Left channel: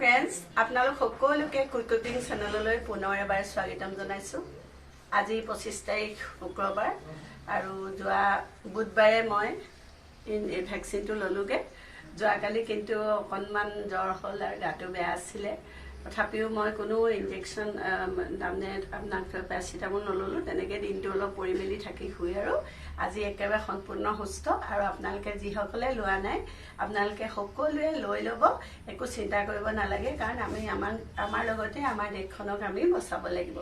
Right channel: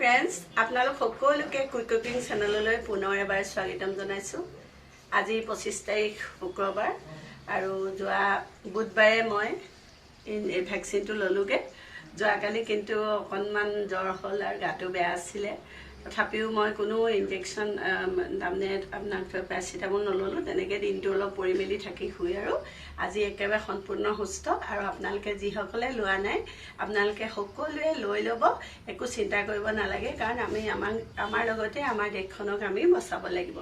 Friends আপোনালোক সকলোকে quick cooking চেনেললৈ পুনৰ এবাৰ স্বাগতম জনাইছোঁ। আজি 25 তাৰিখ শুক্ৰবাৰ আৰু যোৱা বুধবাৰে মই ভেকচিনটো ল'লোগে। যোৱাকালি কিন্তু অকণমান জ্বৰ হ'ল আৰু গাটো বেয়া আছিলে, তথাপিও মই কোনো ইনজেকশ্যন তাৰমানে আপোনাক পেৰাচিটামল নল'লোঁ। তেনেকৈ দিনটো অলপ পৰি মেলি থাকি শুই আৰু আজি একেবাৰে সম্পূৰ্ণ সুস্থ। আৰু আপোনালোকে যিসকলে লোৱা নাই আপোনালোকে সকলোৱে লৈ ল'ব, একো চিন্তা কৰিব নালাগে, কাৰণ আমি আমাৰ লগতে আমাৰ দেশখনক আমি বচাব লাগিব।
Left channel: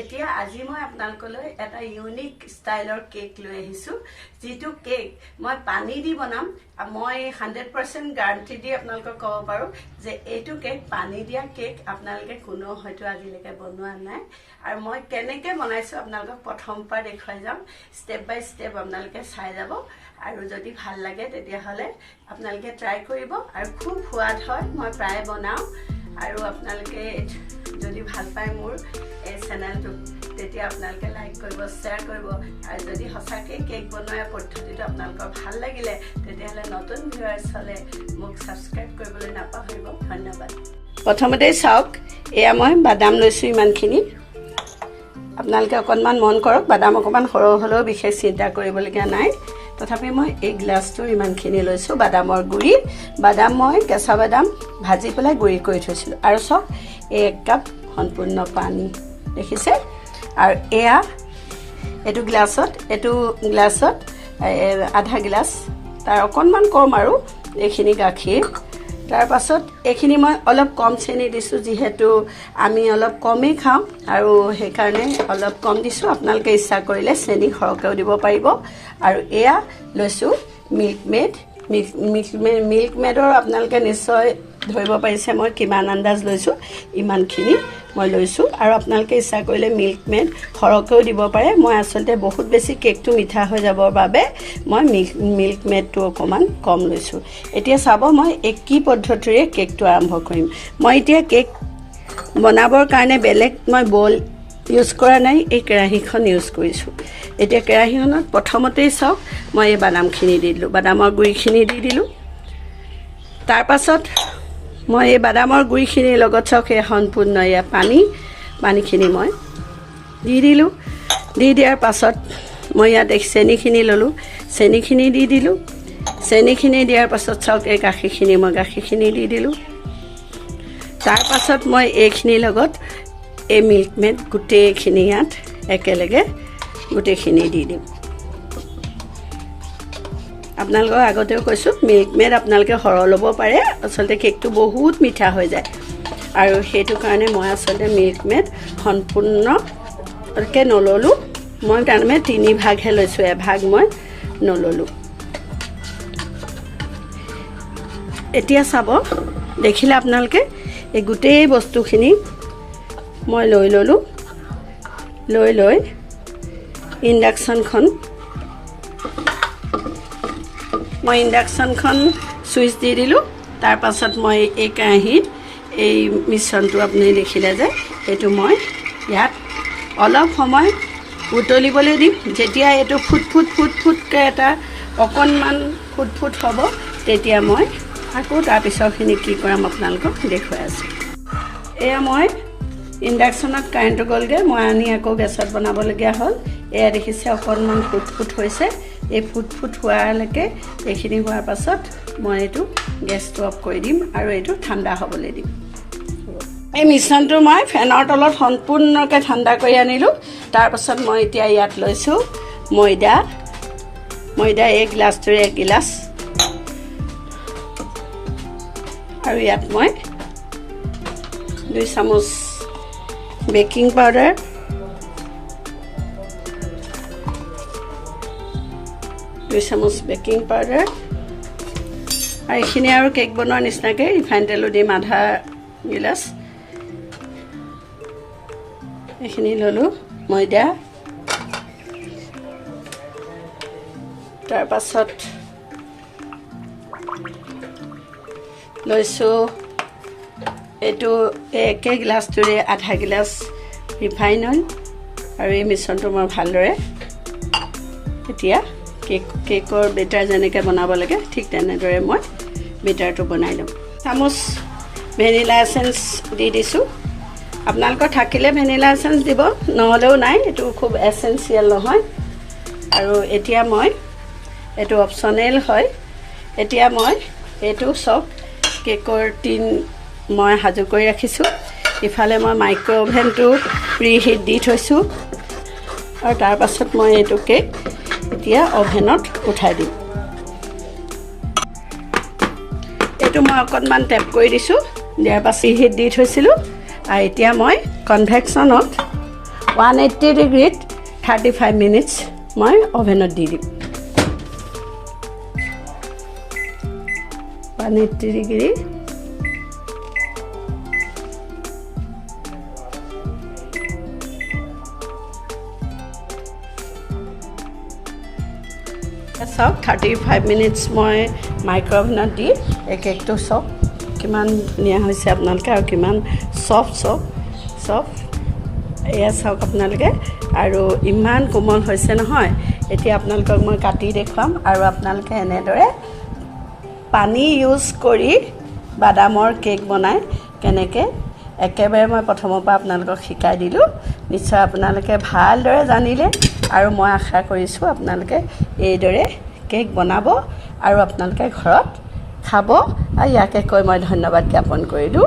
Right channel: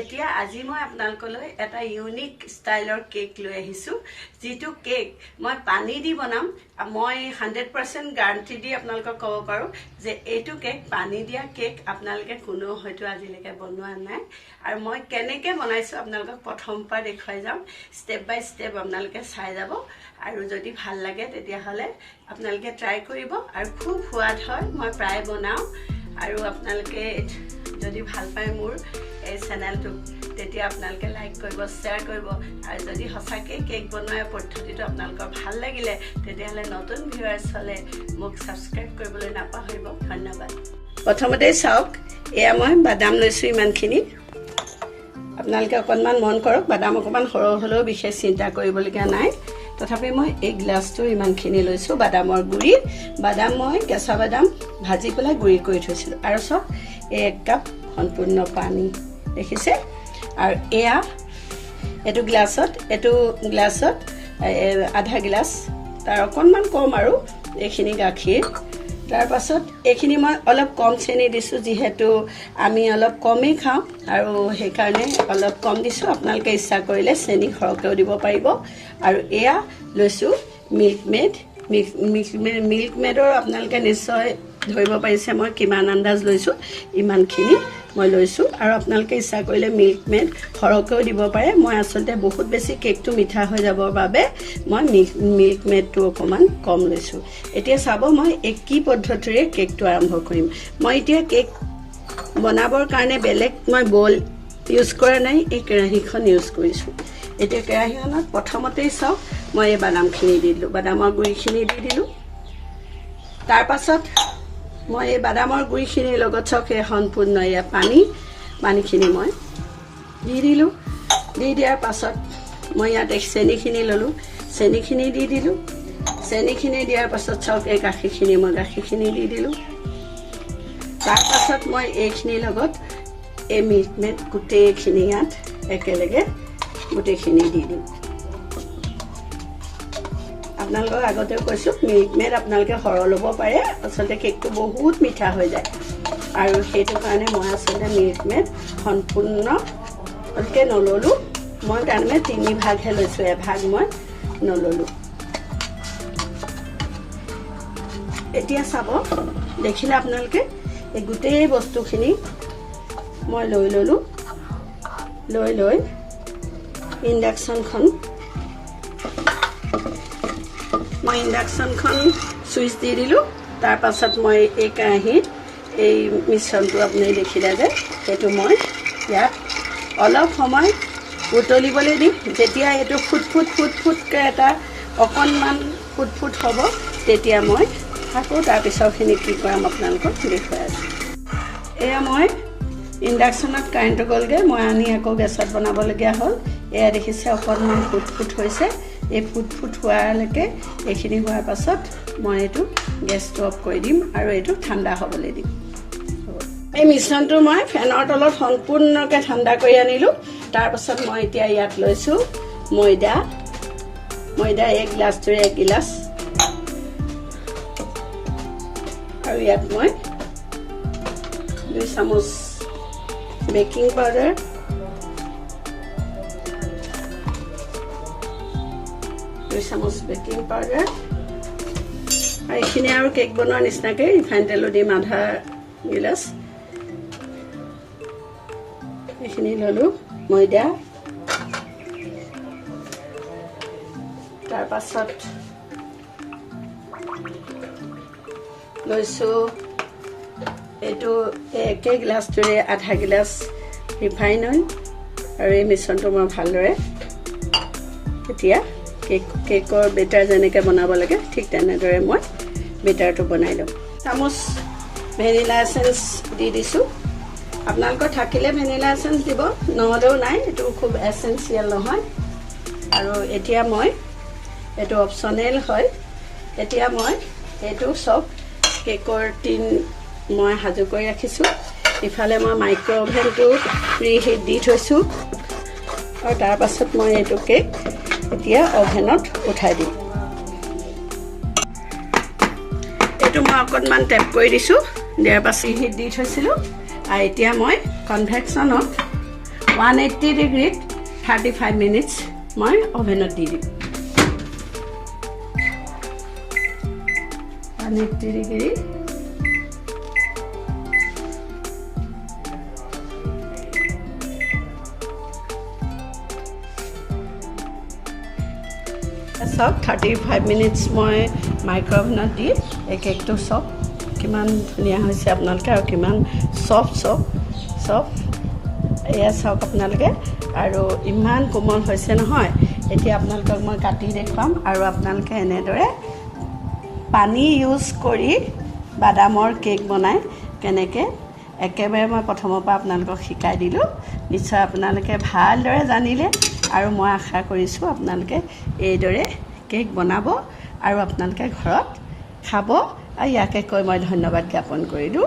এতিয়া আজি মই আপোনালোকলৈ এটা ইউনিক ষ্টাইলৰ কেক লৈ আহিছোঁ, যিটো কেক মই পানী দি বনাম। মই 100% গাৰেণ্টি দি আপোনালোকক ক'ব পাৰোঁ যে এইটো কেক পানী দিয়া কেক আপোনালোকে কোনেও হয়তো আজিলৈকে বনোৱা নাই। আৰু মই কেনেকৈ বনাইছোঁ আপোনালোকক প্ৰথমৰ পৰা দেখুৱাই যাম, ষ্টেপ বাই ষ্টেপ আপোনালোকে চাই যাব। আৰু যদি ভাল লাগে তেতিয়াহ'লে আপোনালোকে ট্ৰাই কৰিব, আৰু খুব সোৱাদ হয়। মই প্ৰায় বনাওঁ, আৰু আপোনালোকে যদি ভাল পায় মোৰ এই চেনেলটো তেতিয়া আপোনালোকে লাইক কৰিব, শ্বেয়াৰ কৰিব। আৰু যদি সঁচাকৈ কেক বনোৱাৰ পদ্ধতিটো আপোনালোকৰ ভাল লাগিলে তেতিয়াহ'লে নতুন ভিউৱাৰ্ছ হ'লে মোক ছাবস্ক্ৰাইব কৰিবলৈ নাপাহৰিব। ধন্যবাদ। প্ৰথমতেই চাওক, এয়া মই বাদাম লৈছোঁ ইমানখিনি। আপোনালোকে অকণমান মন কৰক, বাদাম অকণমান সৰহ হ'লেও বিশেষ চিন্তা কৰিবলগীয়া নাই। তথাপি মই এই গ্লাছটো ইমানখিনি লৈছোঁ বাদামৰ গুড়ি। বাদাম মই কেঁচা বাদাম ভাজি পেলাই গুড়ি কৰি থৈছিলোঁ। আৰু চাওক, এই 1 কাপ সম্পূৰ্ণ পানী দেখিছে। আৰু এইটো গ্লাছত আধা গিলাচ, তাৰ অকণমান কম আৰু এইখিনি গাখীৰ। তাৰ পাছত এইখিনি মই অলপ কম চেনি দিছোঁ, যিহেতু আমি অলপ কমেই খাওঁ আৰু সেইকাৰণে অলপ কম দিছোঁ। আপোনালোকে ইচ্ছা কৰিলে চেনি সৰহকৈও দিব পাৰিব। আৰু এয়া লৈছোঁ মিল্ক মেডৰ আপোনালোকে নিশ্চয় ধৰিব পাৰিছে মই কিমান আন্দাজ লৈছোঁ, ইমানখিনি মই লৈছোঁ। আৰু আপোনালোকে ইচ্ছা কৰিলে মিল্ক মেড সৰহকৈও দিব পাৰে। মই আচলতে বহুত বেছি কেকটো মিঠা হৈ যাবৰ বাবে মই মিল্ক মেডটো অকণমান কম লৈছোঁ। এতিয়া চাব, মই কি পদ্ধতিৰে কেকটো আৰম্ভ কৰিম। মই এতিয়া কেক বনাবৰ কাৰণে বেলেগ মই বল ইউজ কৰা নাই, এই কেৰাহীখন ইউজ কৰিছোঁ। এতিয়া কেৰাহীখনত প্ৰথমতেই চাওক, মই এই বাদামখিনি দি দিলোঁ, বাদামৰ গুড়িখিনি দি দিলোঁ। তাৰ পাছত মই এই বাদামৰ গুড়িখিনিৰ লগত চাওক, এই সম্পূৰ্ণ এয়া পানীখিনি মই দি দিলোঁ। দি দিয়াৰ পাছত মই ইয়াত চেনিখিনি ল'লোঁ, চেনিখিনি দি দিলোঁ। চেনিখিনি দিয়াৰ পাছত চাওক, এই গাখীৰখিনি দি দিলোঁ। তাৰ পাছত মই এইখিনিৰ লগত এই মিল্ক মেড গোটেইখিনি ইয়াত একেলগে গোটেইখিনি দি দিম। আপোনালোকক আগতেও কৈছোঁ, মিল্ক মেড আপোনালোকে সৰহ ল'ব পাৰে, আচলতে কেকটো বহুত মিঠা হৈ যায়। আৰু সেইটো কাৰণে মই আচলতে মিল্ক মেড সম্পূৰ্ণকৈ নল'লোঁ। মই তাৰমানে 3 ভাগহে লৈছোঁ, 1 ভাগ মই নল'লোঁ। এতিয়া চাব, দেখিলে আপোনালোকে এই গোটেই বস্তুখিনি মই লৈ ল'লোঁ। লৈ ইণ্ডাকশ্যনখন চুইচ দি দিলোঁ। তাৰ পাছত মই এই কেৰাহীত এই মিশ্ৰণটো আপুনি দেখিলে যে সেইটো মই ইয়াত অলপ সময় উতলিবলৈ দিম। যেতিয়া এইটো ফুটকৈ এটা অকণমান ফুট হ'ব, তেতিয়া মই আকৌ তাৰপিছৰখিনি কি কৰাম আপোনালোকক দেখুৱাই আছোঁ। এয়া মই ইণ্ডাকশ্যনত কাৰেণ্টটো গ'লগৈ, মই আনি আকৌ গেছত বনাবলগীয়া হ'ল। এয়া দেখিছে অকণমান ফুট হৈছে। এই ফুট হোৱালৈকে, এইখিনি হোৱাৰ পাছত মই এইটো গেছটো অফ কৰি দিম আৰু এইটো ঠাণ্ডা হ'বলৈ দিম। এই মিশ্ৰণটো মই ফেনৰ তলত সম্পূৰ্ণকৈ ঠাণ্ডা কৰি আনিলোঁ। তাৰপাছত মই এতিয়া ইয়াত লৈছোঁ ময়দা এই গ্লাছটোৰে 1 গিলাচ, আৰু ইয়াত মই 2 চামুচ বেকিং পাউডাৰ, 2 চামুচ বেকিং পাউডাৰ, আৰু এইখিনি আৰু কেক বনোৱাৰ নিচিনাকৈ ৰিফাইন তেলো দিম আধা গিলাচ। এইখিনি ল'লোঁ ময়দা। তাৰ পাছত লৈছোঁ এইটো একে গ্লাছটোৰে আধা গিলাচ ৰিফাইন অইল। আৰু এই মিশ্ৰণটো মই ভালদৰে এতিয়া কেকৰ বেটাৰ যেনেকৈ বনাব লাগে ঠিক তেনেদৰে মই বেটাৰটো বনাই ল'ম। ভেনিলা এচেঞ্চ দি দিছোঁ। আপোনালোকৰ থাকিলে ভেনিলা এচেঞ্চ দিব, নহ'লেও নাই, এইটো খুব এচেঞ্চিয়েল নহয়। আৰু এতিয়া মই এইটো অপশ্যনেল হয়। এতিয়া মই এইটো চব কেকৰ টিন মই সাজু কৰি ৰাখিছোঁ। ইফালে মই মাইক্ৰ' অভেনটো প্ৰিহিট দি থৈছোঁ আৰু তাৰ পাছত মই এইটো কেক এতিয়া অভেনত উঠাই দিম। এইটো মই অকণমান টেপ কৰি দিছোঁ, দিয়াৰ পাছত প্ৰিহিট দি থৈছিলোঁ। আৰু এতিয়া মই কনভেকশ্যনত 180 ডিগ্ৰীত 35 মিনিটছ মই অভেনত দি দিম। 180 ডিগ্ৰী চাওক 35 মিনিটছ মই মাইক্ৰ' অভেনত দি এই কেকটো চাওক কিমান ধুনীয়া হৈছে আপোনালোকে আৰু কিমান চফ্ট এয়া চাওক আপোনালোকে আৰু ইমান কোমল হৈছে নহয়। এতিয়া আপোনালোকক মই কাটি দেখুৱাম আৰু আপোনালোকে এনেদৰে পানী ইউজ কৰি বাদামৰ কেক বনায় কেনেকৈ, একেবাৰে মই প্ৰথমৰ পৰা আপোনালোকক শিকাই দিলোঁ। নিশ্চয় আপোনালোকে ভালদৰে জানিলে আৰু মই আশা কৰিছোঁ আপোনালোকে এইদৰে কেক বনাব আৰু আপোনালোকে ঘৰত খাব। আৰু ইয়াকে কৈ মই ধন্যবাদ জ্ঞাপন কৰিলোঁ।